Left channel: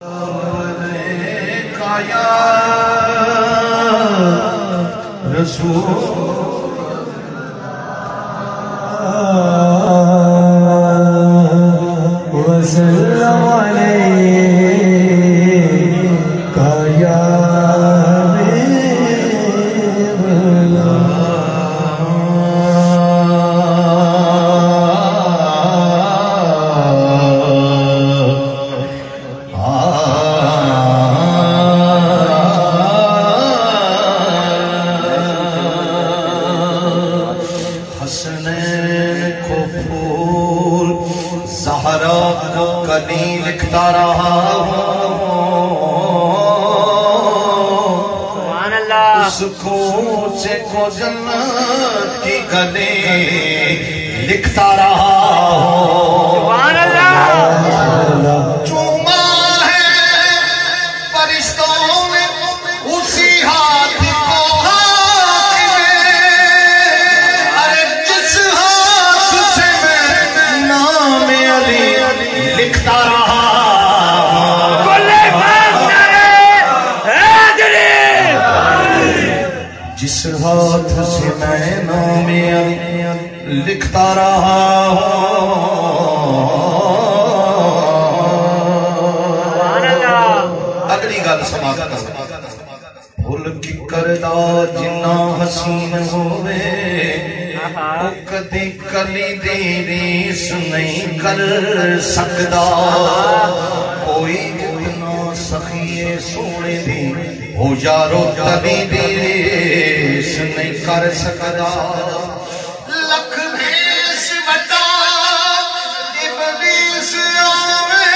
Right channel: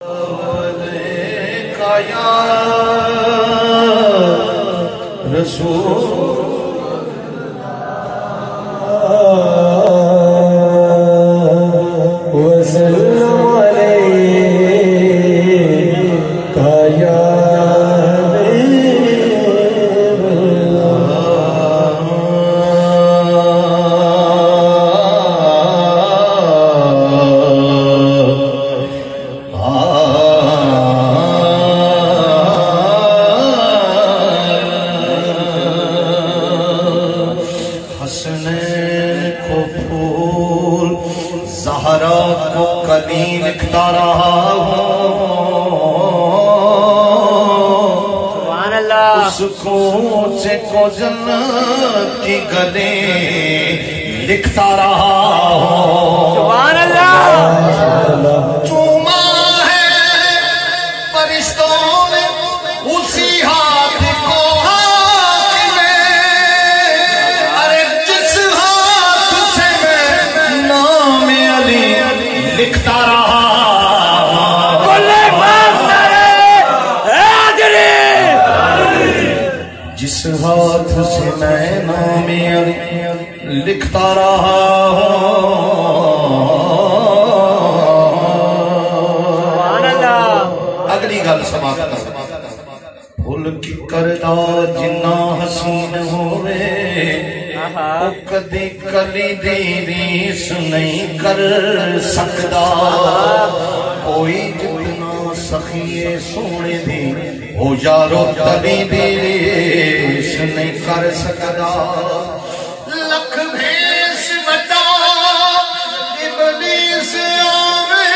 या रसूल लिखता रहा उसको से को जन्नत की गले लिखता रहा चूमा है फरिश्तों ने उसी हाथ को अरे जिस हाथ से नाम अली लिखता रहा जिस हाथ से मैं नाम लिखता रहा अगली गल समाप्त फुल की करदा जिन्ना हसीन होवे कदी कली दी रीस नहीं कर सकदा कोई जितना सखिए सोने दी हो यारो तली दी रीस नहीं कर सकदा लख भेस बता इबलीस आवे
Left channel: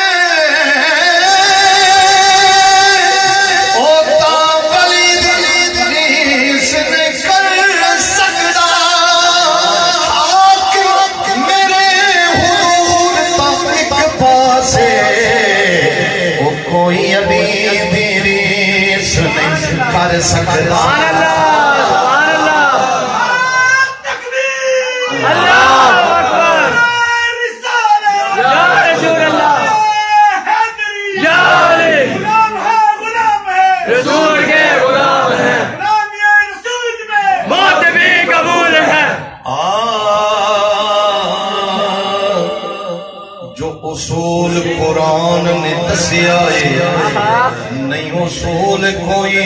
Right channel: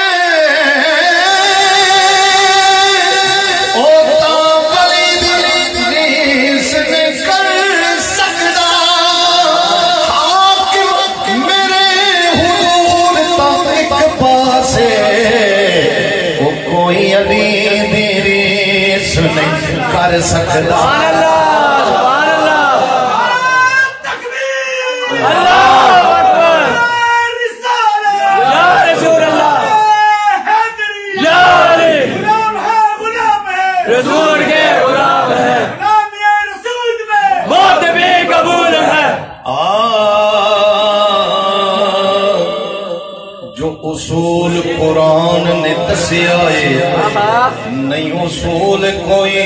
ओ ताबली दी रीस नहीं कर सकदा मेरे हुजूर तक एक पासे ओ कोई अली दी रीस नहीं कर सकदा उसूल कुरान ने दसिया नहीं उसूल कोई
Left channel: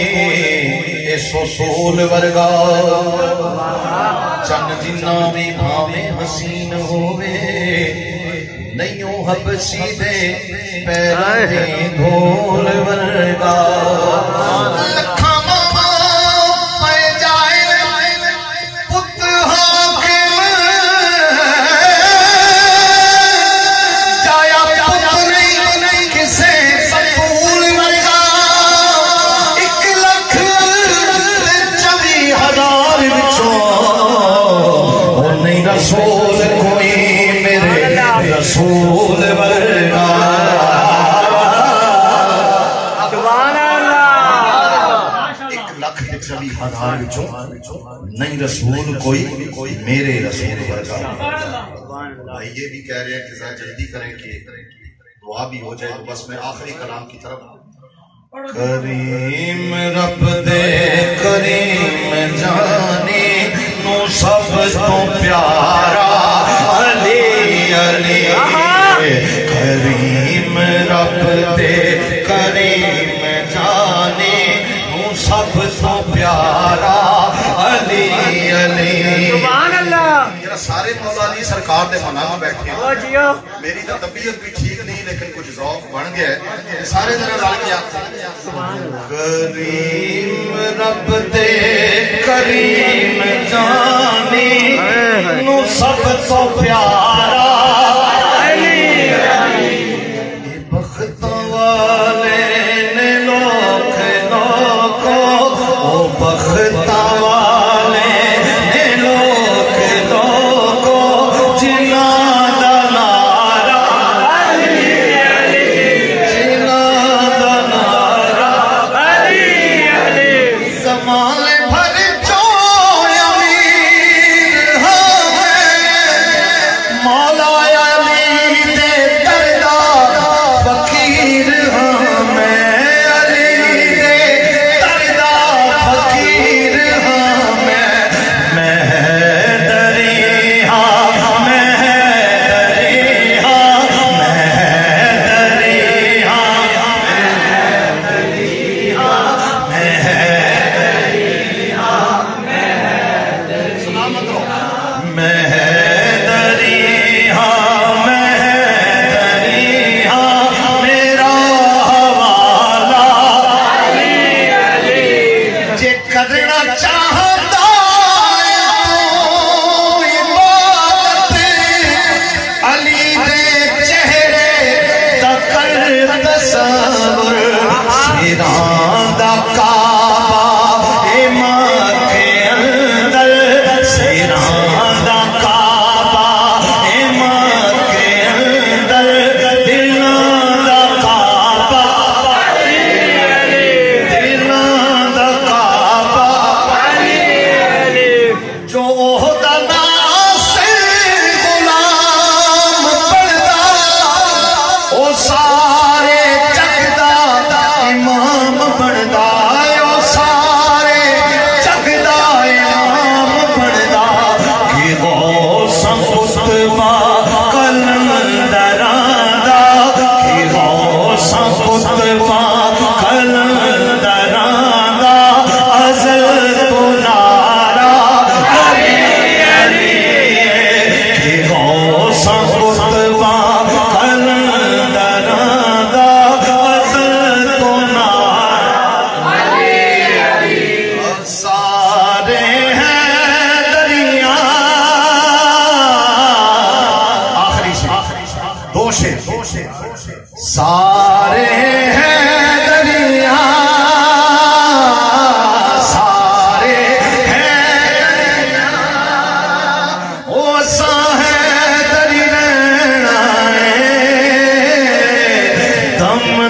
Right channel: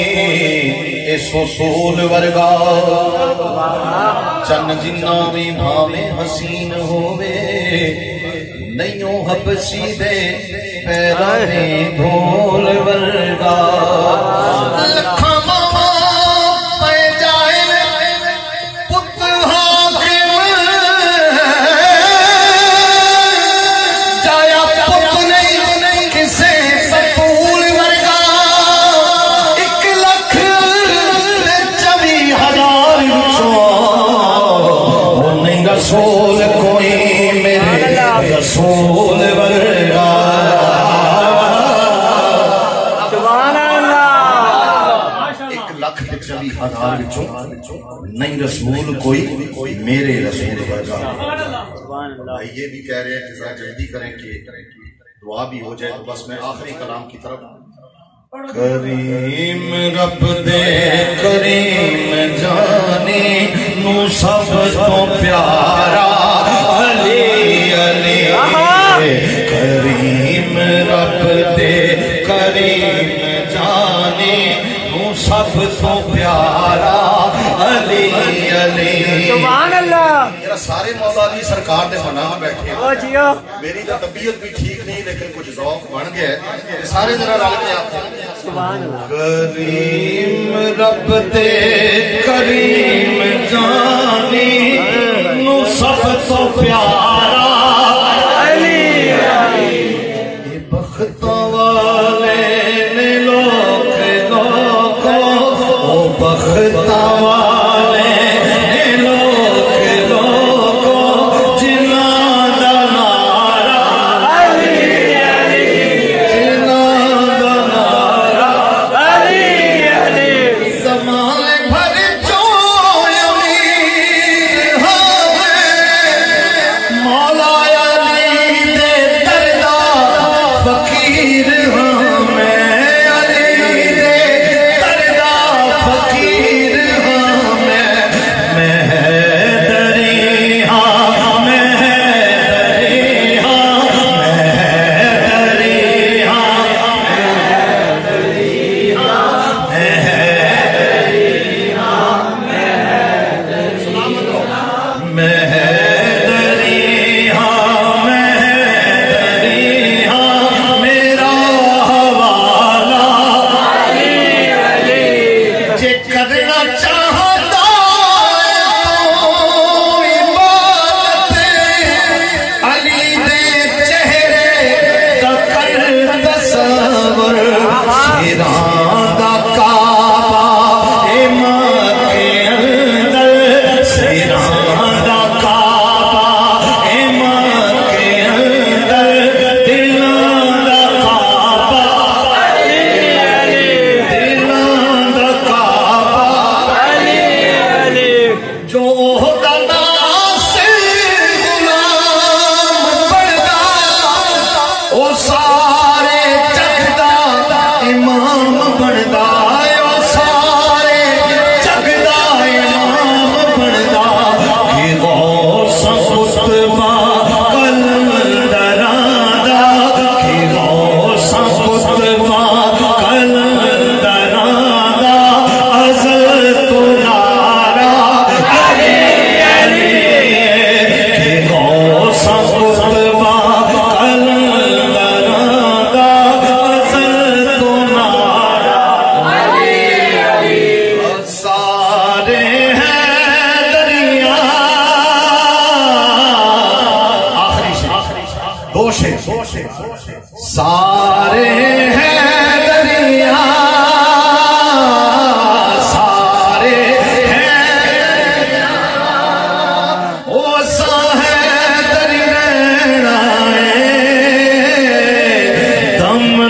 इस उसूल वर्गा चन जिन्ना भी भावे हसीन होवे नहीं हबसी दे पैरों में ढोल वर्गा रसूल कोई मेरे रसूल वर्गा सुभान अल्लाह 1,24,000 विचों नहीं रसूल कोई मेरे रसूल वर्गा। भाई ये भी कह रहे हैं कि जरा जल्दी करें कि दुआ भी हो जाए। तो बस मैं आखिरी कलाम की तरफ करीम रब दे करीम जानी नू सब तो प्यारा अली अली करीम रब दे करीम जानी नू सब तो प्यारा अली अली सुभान अल्लाह। सारे मौला अली सरकार दे मनामा बैठे मेरी तो तबीयत भी ठीक नहीं लेकिन कुछ ज़ौक़ बन गया है सारे जरा रल के आप करीम रब दे करीम जानी नू सब तो प्यारा अली अली बख्त वाले ने लोग को ओ बख्त मौला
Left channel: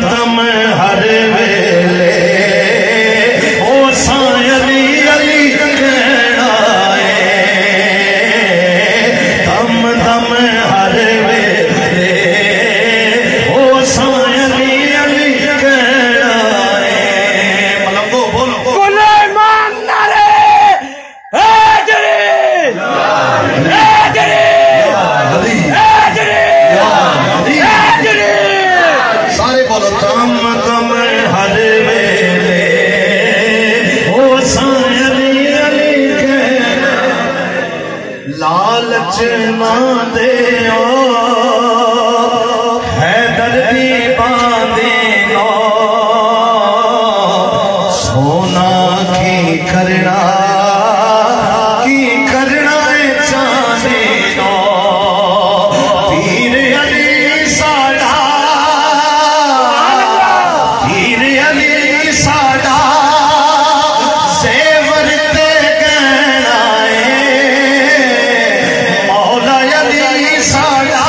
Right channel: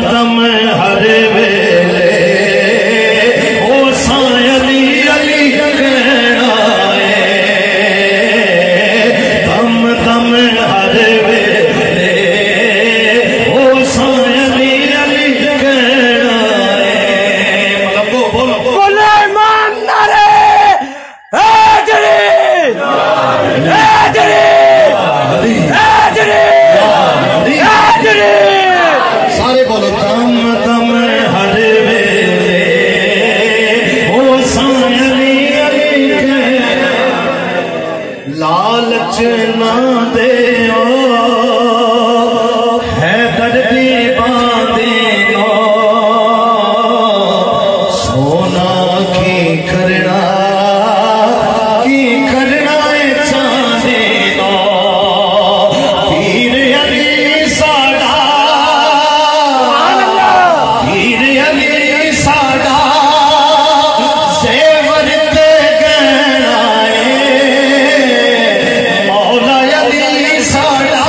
दम हर वेले ओ साईं अली अली कहना है, दम दम हर वेले ओ साईं अली अली कहना है। मतलब बोलो बोलो ईमान नारे हैदरी हैदरी हैदरी हैदरी, सारे बोलो दम दम हर वेले ओ साईं अली अली कहना। लालच ना दे हैदर दी बादे नो, सोना की करना है चांदी नो, पीर अली साडा पीर अली साडा सेवर ते गहना है, मौला अली साडा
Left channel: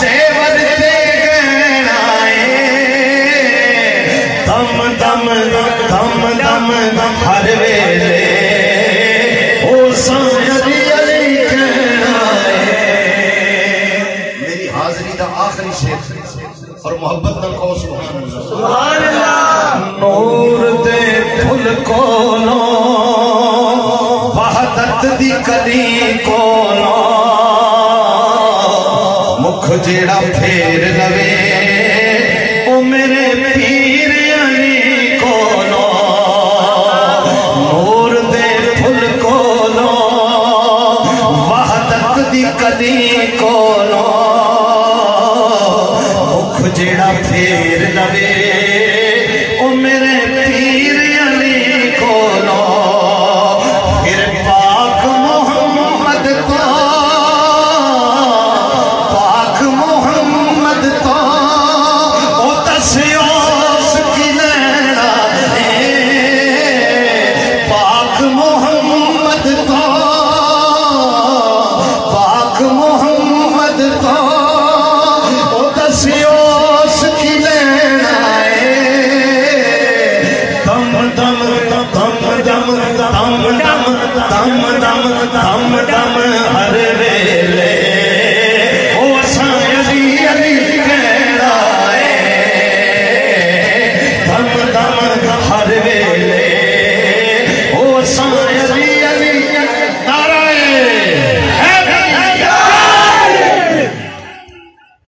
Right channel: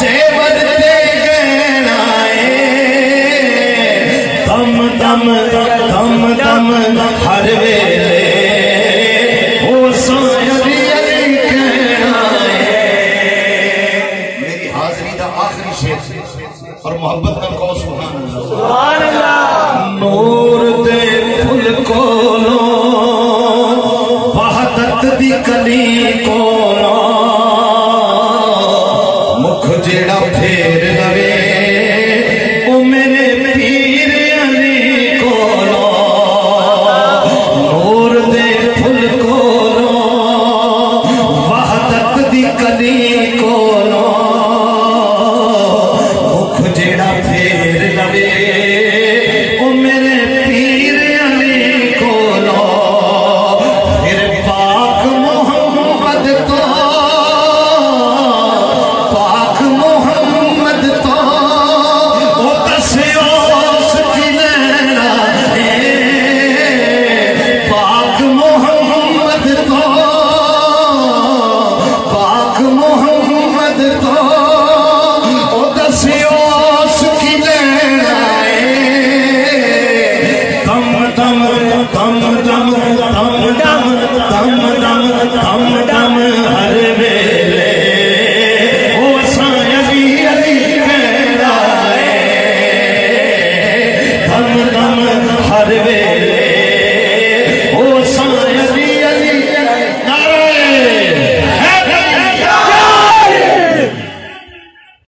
सेवर ते गहना है। दम दम दम दम हर वेले ओ साईं अली अली कहना है। मेरी हाजरी दा आखिरी शेर और मोहब्बत नाल कहो सुभान अल्लाह। नूर दे फुल कोलो वहदत दी कली कोलो, मुख जेड़ा फेर लवे ओ मेरे पीर अली कोलो। नूर दे फुल कोलो वहदत दी कली कोलो, मुख जेड़ा फेर